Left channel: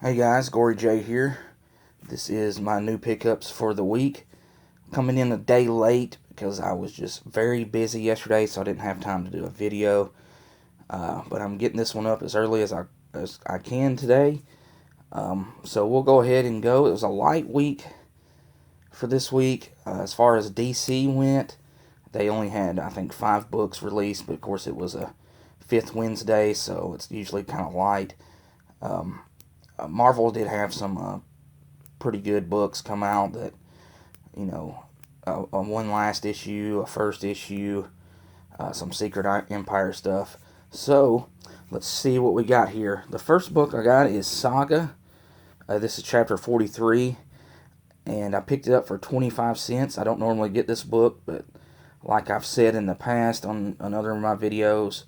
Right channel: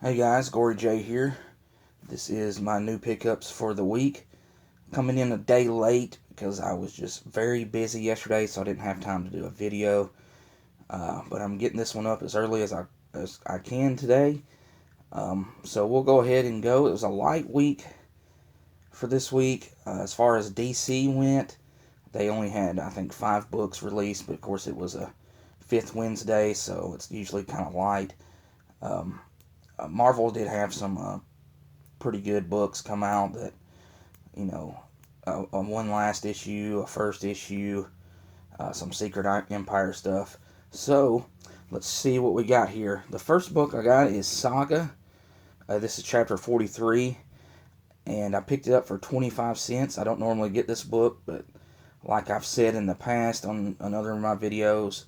Hey guys, Gory J here. This is my new pickups for the week. Coming in a day late because I was just very busy yesterday, so I didn't have time to do a video. But I'm getting this one up as early as I can today. So we'll go ahead and go. It was a light week for this week. As far as DC went, they only had, I think, 5 books released, but of course it was a fifth Wednesday, so it's usually kind of light. Um, Marvel did have some pretty good books come out that, you know, one last issue, a first issue, some Secret Empire stuff. So, let's see what we got here. The first book I got is Saga. This is chapter 43, and I picked it up for 25 cents. I don't normally get this book, but like I've said in the past on another of my videos,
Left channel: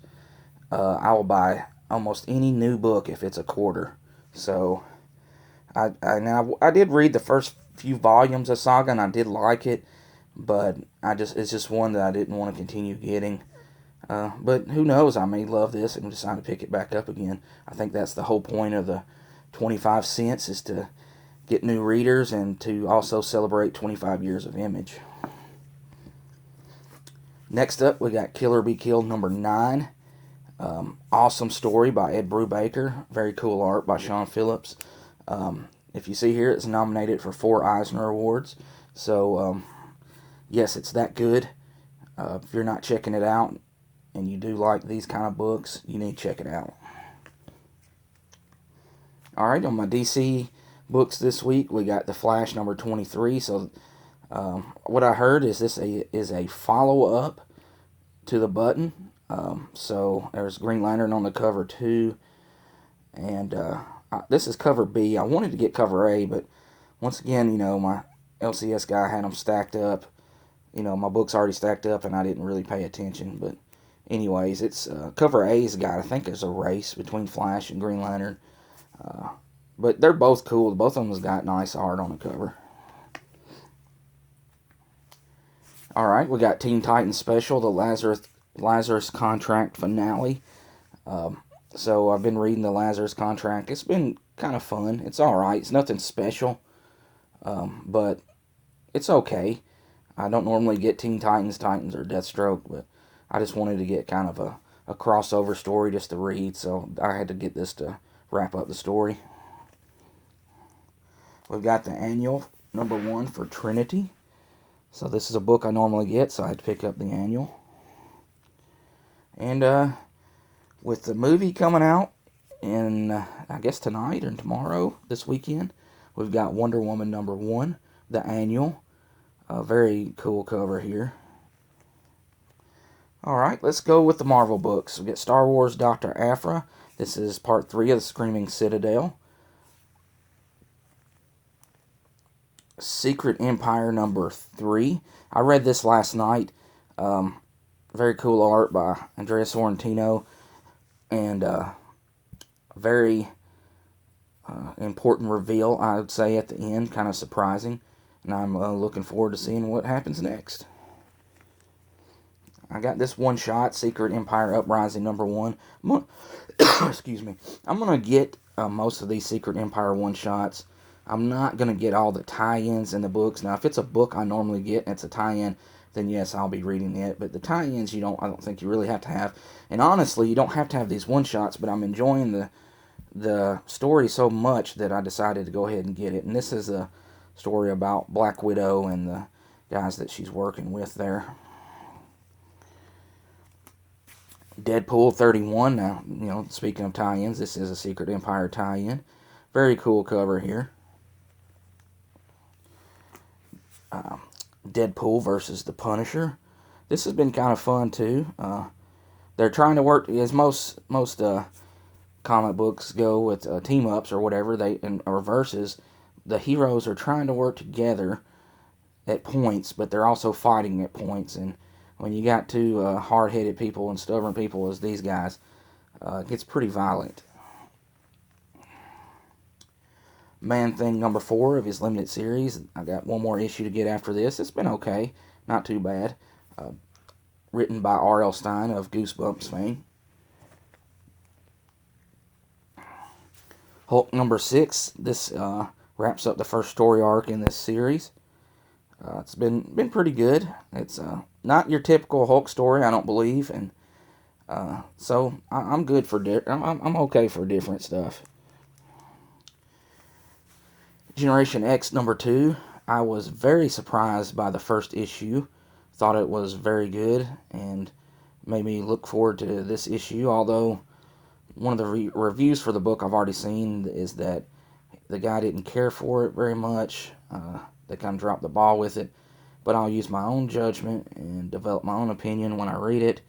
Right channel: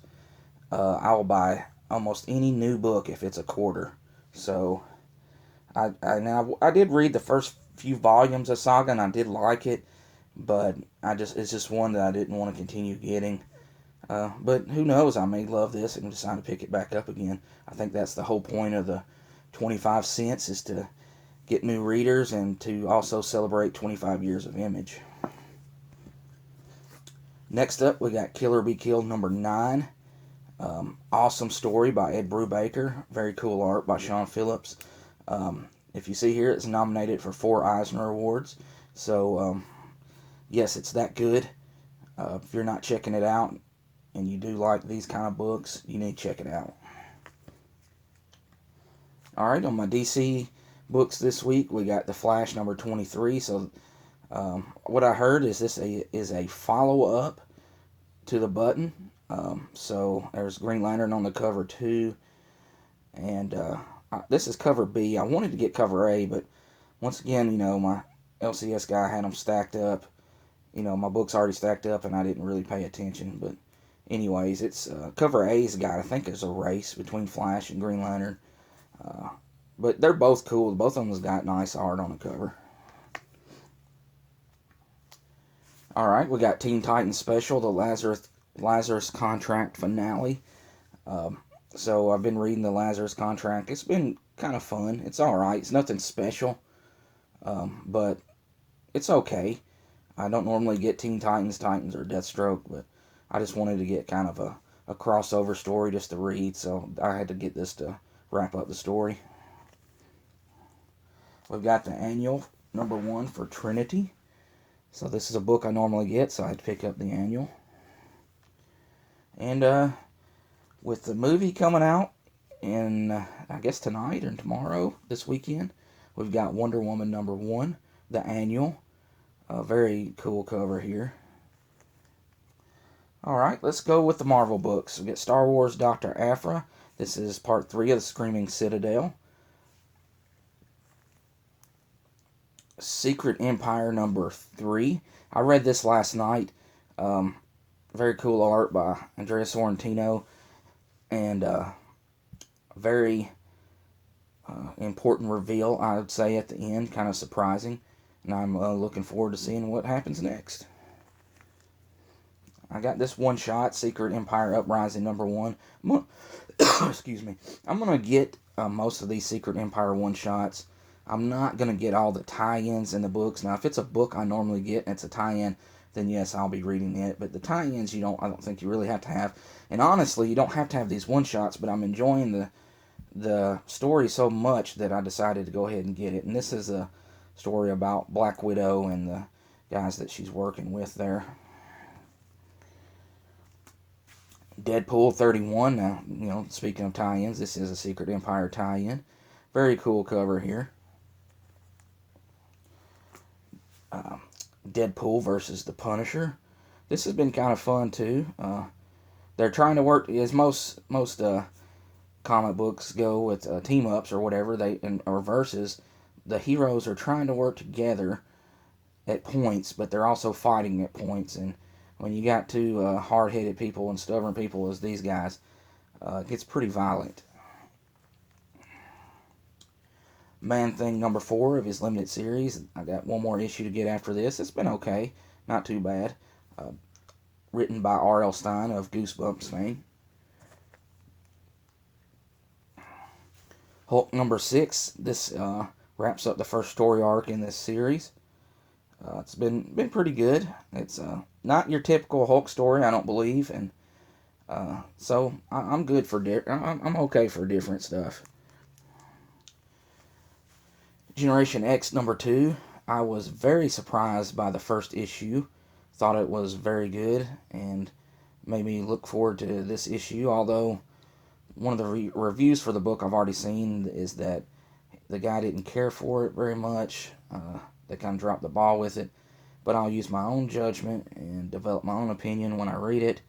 I will buy almost any new book if it's a quarter. So, I did read the first few volumes of Saga and I did like it, but it's just one that I didn't want to continue getting. But who knows? I may love this and decide to pick it back up again. I think that's the whole point of the 25 cents is to get new readers and to also celebrate 25 years of Image. Next up, we got Kill or Be Killed number 9. Awesome story by Ed Brubaker. Very cool art by Sean Phillips. If you see here, it's nominated for 4 Eisner Awards. So, yes, it's that good. If you're not checking it out and you do like these kind of books, you need to check it out. Alright, on my DC books this week, we got The Flash number 23. So, what I heard is this is a follow-up to The Button. So, there's Green Lantern on the cover too. And this is cover B. I wanted to get cover A, but once again, my LCS guy had them stacked up. My book's already stacked up, and I didn't really pay attention. But anyways, it's cover A's got, I think there's a race between Flash and Green Lantern. But they're both cool. Both of them got nice art on the cover. Alright, we got Teen Titans Special, the Lazarus Contract finale. So I've been reading the Lazarus Contract. It's been kind of fun. It's alright. It's nothing special. But it's okay. I don't normally get Teen Titans, or Deathstroke, but I just wanted to get kind of a crossover story just to read, so I had to get this to wrap up the story. We've got the annual, number 1 for Trinity. So this is a book I normally get, so I had to pick up the annual. And with the movie coming out in, I guess tonight or tomorrow, this weekend, we've got Wonder Woman number 1, the annual. A very cool cover here. Alright, let's go with the Marvel books. We get Star Wars Dr. Aphra. This is part 3 of the Screaming Citadel. Secret Empire number 3. I read this last night. Very cool art by Andrea Sorrentino. And very important reveal, I would say, at the end. Kind of surprising. And I'm looking forward to seeing what happens next. I got this one shot, Secret Empire Uprising number 1. Excuse me. I'm going to get most of these Secret Empire one-shots. I'm not going to get all the tie-ins in the books. Now, if it's a book I normally get and it's a tie-in, then yes, I'll be reading it. But the tie-ins, I don't think you really have to have. And honestly, you don't have to have these one-shots, but I'm enjoying the story so much that I decided to go ahead and get it. And this is a story about Black Widow and the guys that she's working with there. Deadpool 31. Now, speaking of tie-ins, this is a Secret Empire tie-in. Very cool cover here. Deadpool versus the Punisher. This has been kind of fun too. They're trying to work, as most comic books go with team ups or whatever, or versus. The heroes are trying to work together at points, but they're also fighting at points. And when you got two hard-headed people and stubborn people as these guys, it gets pretty violent. Man-Thing number 4 of his limited series. I got one more issue to get after this. It's been okay. Not too bad. Written by R.L. Stine of Goosebumps fame. Hulk number 6. This wraps up the first story arc in this series. It's been pretty good. It's not your typical Hulk story, I don't believe, and so I'm good for I'm okay for different stuff. Generation X number 2. I was very surprised by the first issue. Thought it was very good and made me look forward to this issue. Although one of the reviews for the book I've already seen is that the guy didn't care for it very much. They kind of dropped the ball with it. But I'll use my own judgment and develop my own opinion when I read it.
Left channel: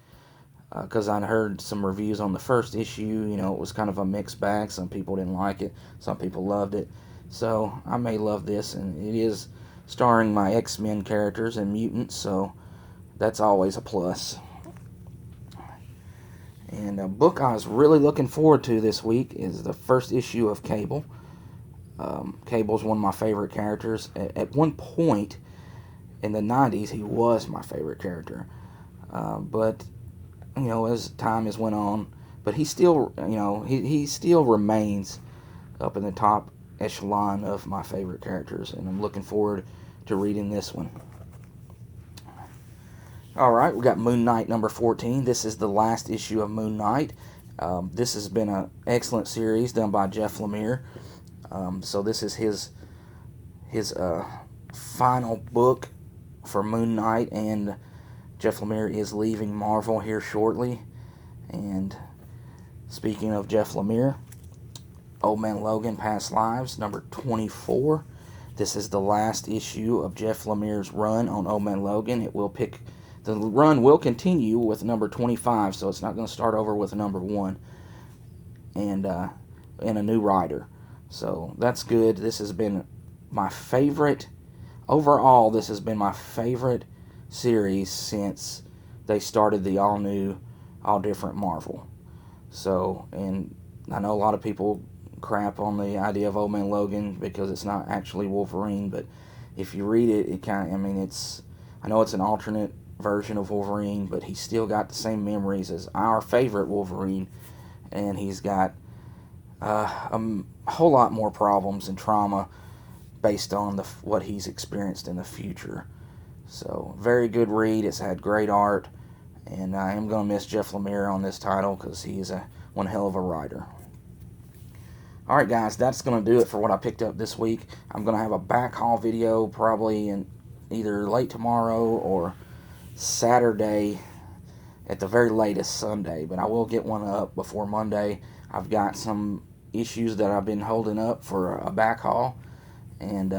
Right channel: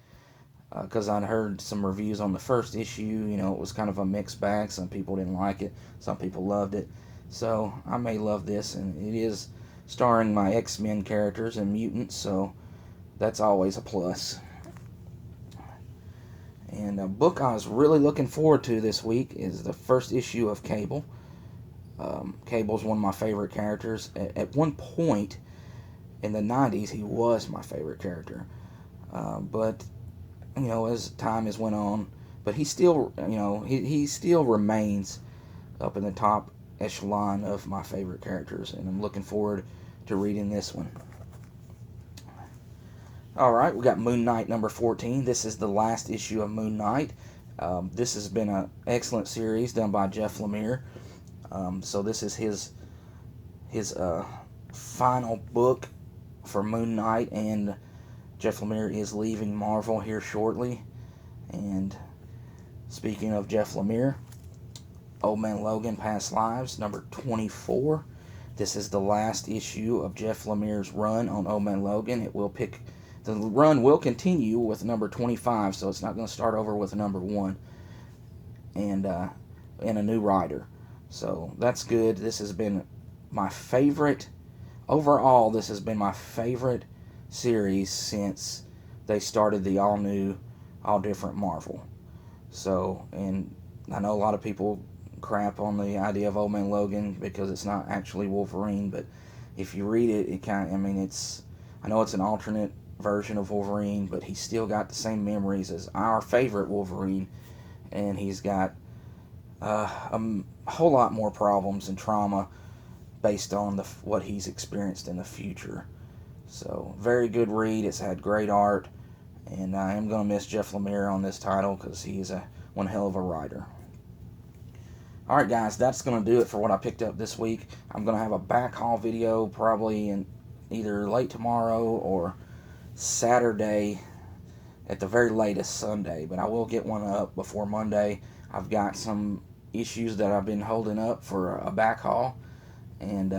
Because I'd heard some reviews on the first issue. You know, it was kind of a mixed bag. Some people didn't like it. Some people loved it. So I may love this. And it is starring my X-Men characters and mutants. So that's always a plus. And a book I was really looking forward to this week is the first issue of Cable. Cable's one of my favorite characters. At one point in the 90s, he was my favorite character. But, you know, as time has went on, but he still, you know, he still remains up in the top echelon of my favorite characters. And I'm looking forward to reading this one. Alright, we got Moon Knight number 14. This is the last issue of Moon Knight. This has been an excellent series done by Jeff Lemire. So this is his final book for Moon Knight, and Jeff Lemire is leaving Marvel here shortly. And speaking of Jeff Lemire, Old Man Logan Past Lives number 24. This is the last issue of Jeff Lemire's run on Old Man Logan. The run will continue with number 25, so it's not going to start over with number 1 and a new writer. So that's good. This has been my favorite. Overall, this has been my favorite series since they started the all-new, all-different Marvel. So, and I know a lot of people crap on the idea of Old Man Logan because it's not actually Wolverine, but if you read it, it kind of, I mean, I know it's an alternate version of Wolverine, but he's still got the same memories as our favorite Wolverine, and he's got a whole lot more problems and trauma based on what he's experienced in the future. So, very good read. It's had great art, and I am going to miss Jeff Lemire on this title because he is one hell of a writer. Alright guys, that's going to do it for what I picked up this week. I'm going to have a back haul video probably in either late tomorrow or Saturday, at the very latest Sunday, but I will get one up before Monday. I've got some issues that I've been holding up for a back haul, and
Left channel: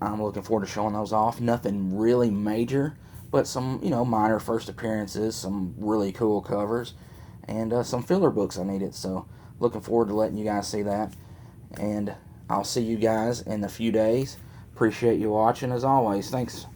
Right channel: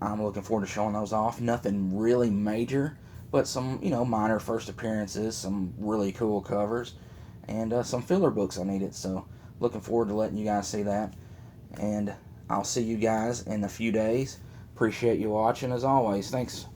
I'm looking forward to showing those off. Nothing really major, but some, you know, minor first appearances, some really cool covers, and some filler books I needed. So looking forward to letting you guys see that, and I'll see you guys in a few days. Appreciate you watching as always. Thanks.